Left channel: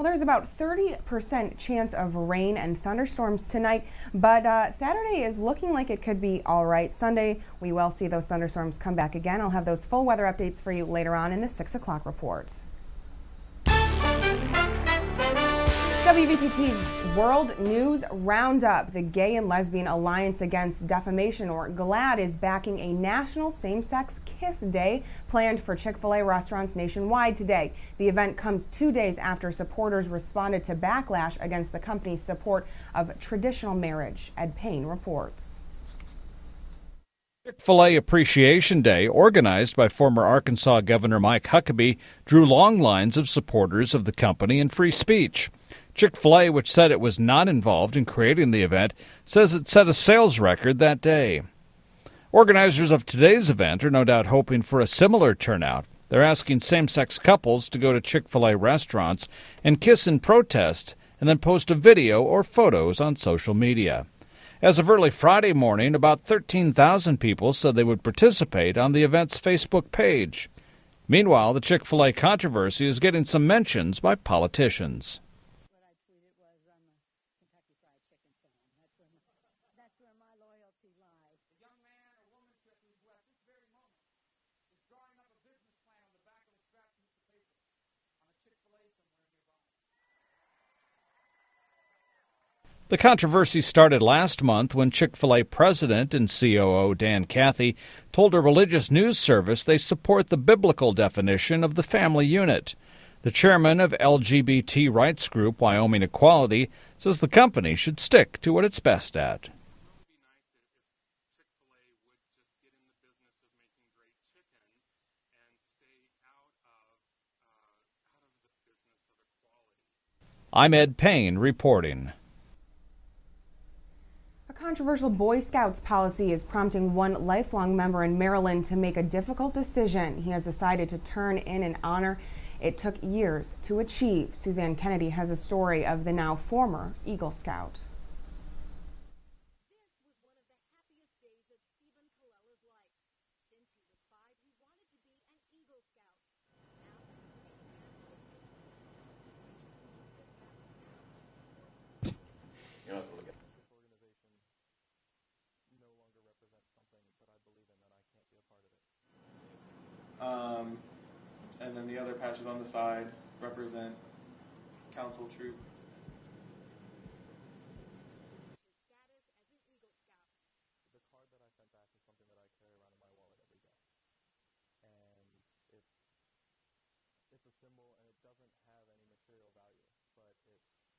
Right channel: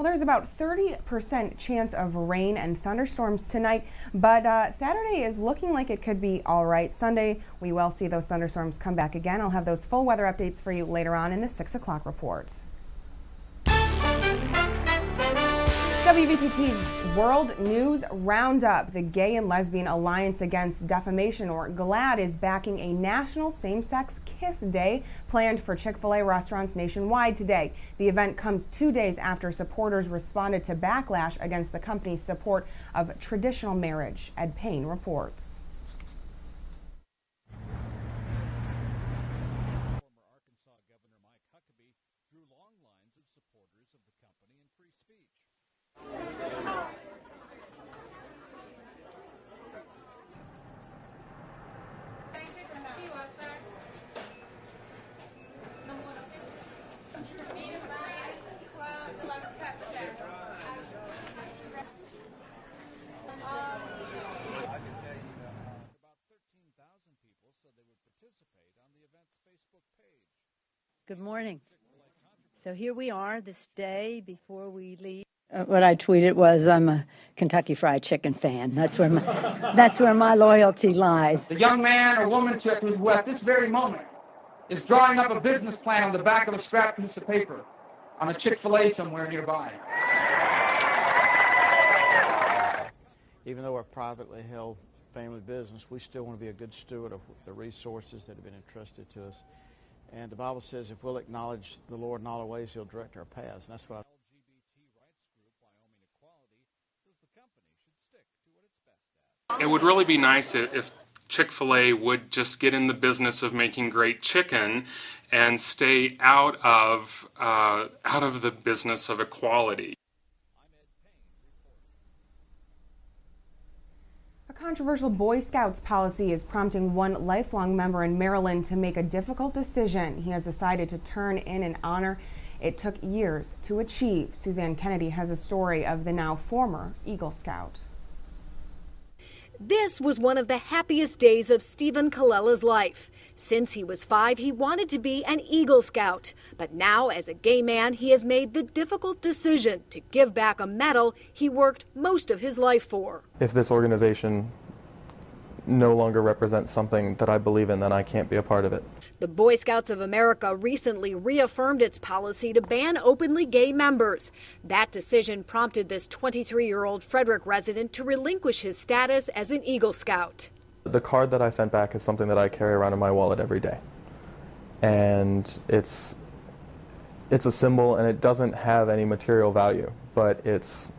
Well, there's about 30% chance of rain and thunderstorms tonight, but Saturday is looking like it could be all right. Sunday, we will see those thunderstorms come back again. I'll have those full weather updates for you later on in the 6 o'clock report. WVTT's World News Roundup. The Gay and Lesbian Alliance Against Defamation, or GLAAD, is backing a national same-sex kiss day planned for Chick-fil-A restaurants nationwide today. The event comes 2 days after supporters responded to backlash against the company's support of traditional marriage. Ed Payne reports. Chick-fil-A Appreciation Day, organized by former Arkansas Governor Mike Huckabee, drew long lines of supporters of the company and free speech. Chick-fil-A, which said it was not involved in creating the event, says it set a sales record that day. Organizers of today's event are no doubt hoping for a similar turnout. They're asking same-sex couples to go to Chick-fil-A restaurants and kiss in protest and then post a video or photos on social media. As of early Friday morning, about 13,000 people said they would participate on the event's Facebook page. Meanwhile, the Chick-fil-A controversy is getting some mentions by politicians. What I tweeted was, I'm a Kentucky Fried Chicken fan. That's where my loyalty lies. The young man or woman who at this very moment is drawing up a business plan on the back of a scrap piece of paper on a Chick-fil-A somewhere nearby. The controversy started last month when Chick-fil-A president and COO Dan Cathy told a religious news service they support the biblical definition of the family unit. The chairman of LGBT rights group Wyoming Equality says the company should stick to what it's best at. It would really be nice if Chick-fil-A would just get in the business of making great chicken and stay out of the business of equality. I'm Ed Payne reporting. A controversial Boy Scouts policy is prompting one lifelong member in Maryland to make a difficult decision. He has decided to turn in an honor it took years to achieve. Suzanne Kennedy has a story of the now former Eagle Scout. This was one of the happiest days of Stephen Colella's life. Since he was 5, he wanted to be an Eagle Scout. But now, as a gay man, he has made the difficult decision to give back a medal he worked most of his life for. If this organization no longer represents something that I believe in, then I can't be a part of it. The Boy Scouts of America recently reaffirmed its policy to ban openly gay members. That decision prompted this 23-year-old Frederick resident to relinquish his status as an Eagle Scout. The card that I sent back is something that I carry around in my wallet every day. And it's a symbol, and it doesn't have any material value, but it's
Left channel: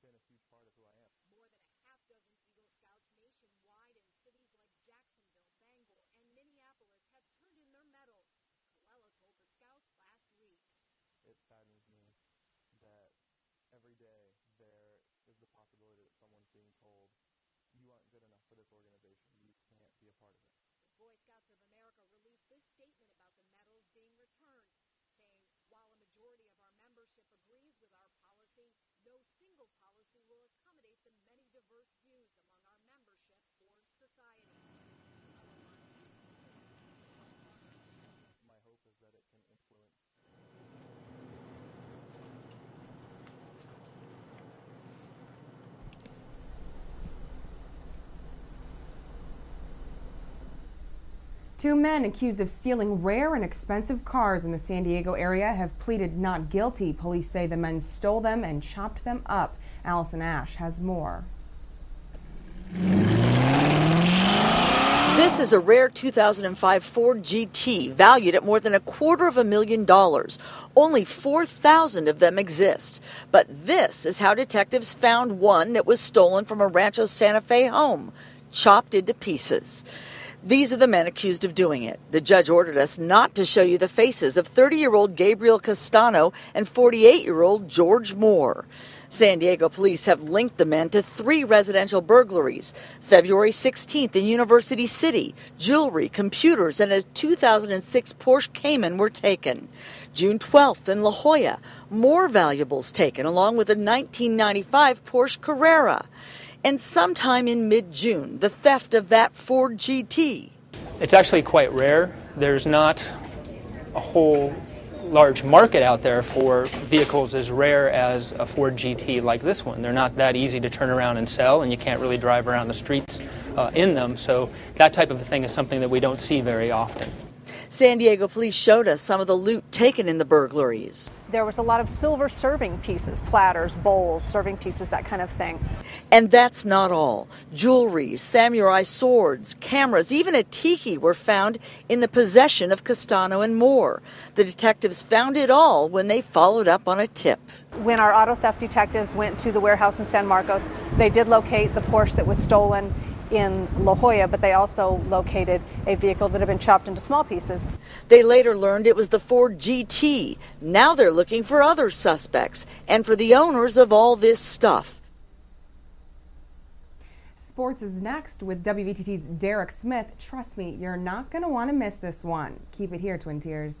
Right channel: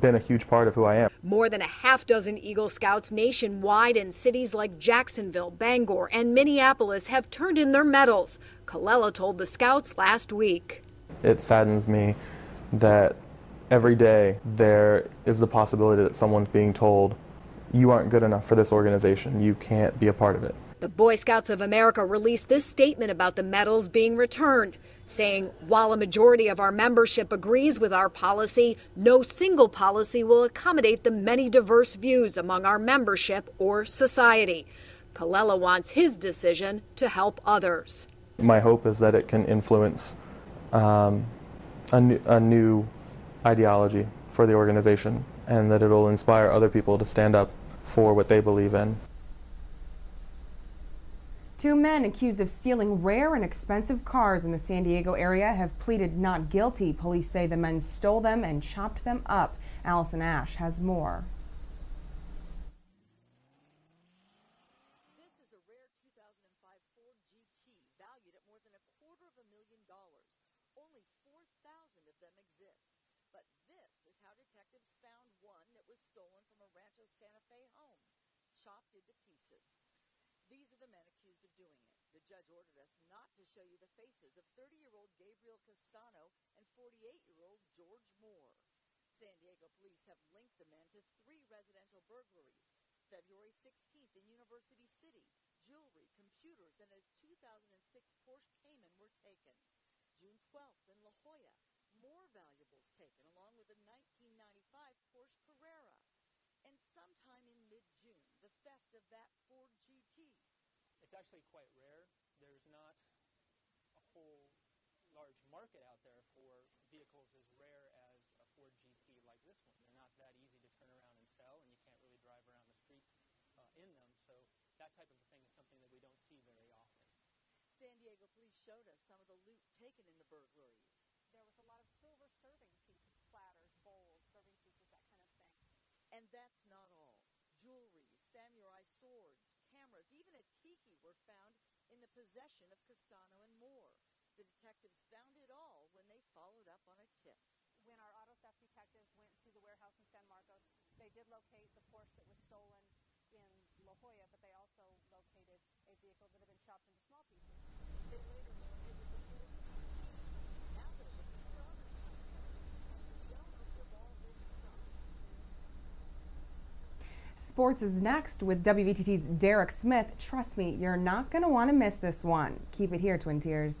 been a huge part of who I am. More than a half dozen Eagle Scouts nationwide in cities like Jacksonville, Bangor, and Minneapolis have turned in their medals. Colella told the Scouts last week. It saddens me that every day there is the possibility that someone's being told, you aren't good enough for this organization, you can't be a part of it. The Boy Scouts of America released this statement about the medals being returned, saying, while a majority of our membership agrees with our policy, no single policy will accommodate the many diverse views among our membership or society. Colella wants his decision to help others. My hope is that it can influence a new ideology for the organization, and that it'll inspire other people to stand up for what they believe in. 2 men accused of stealing rare and expensive cars in the San Diego area have pleaded not guilty. Police say the men stole them and chopped them up. Allison Ash has more. This is a rare 2005 Ford GT valued at more than $250,000. Only 4,000 of them exist. But this is how detectives found one that was stolen from a Rancho Santa Fe home, chopped into pieces. These are the men accused of doing it. The judge ordered us not to show you the faces of 30-year-old Gabriel Castano and 48-year-old George Moore. San Diego police have linked the men to 3 residential burglaries. February 16th in University City, jewelry, computers, and a 2006 Porsche Cayman were taken. June 12th in La Jolla, more valuables taken, along with a 1995 Porsche Carrera. And sometime in mid-June, the theft of that Ford GT. It's actually quite rare. There's not a whole large market out there for vehicles as rare as a Ford GT like this one. They're not that easy to turn around and sell, and you can't really drive around the streets in them. So that type of a thing is something that we don't see very often. San Diego police showed us some of the loot taken in the burglaries. There was a lot of silver serving pieces, platters, bowls, serving pieces, that kind of thing. And that's not all. Jewelry, samurai swords, cameras, even a tiki were found in the possession of Castano and Moore. The detectives found it all when they followed up on a tip. When our auto theft detectives went to the warehouse in San Marcos, they did locate the Porsche that was stolen in La Jolla, but they also located a vehicle that had been chopped into small pieces. They later learned it was the Ford GT. Now they're looking for other suspects and for the owners of all this stuff. Sports is next with WVTT's Derek Smith. Trust me, you're not going to want to miss this one. Keep it here, Twin Tiers.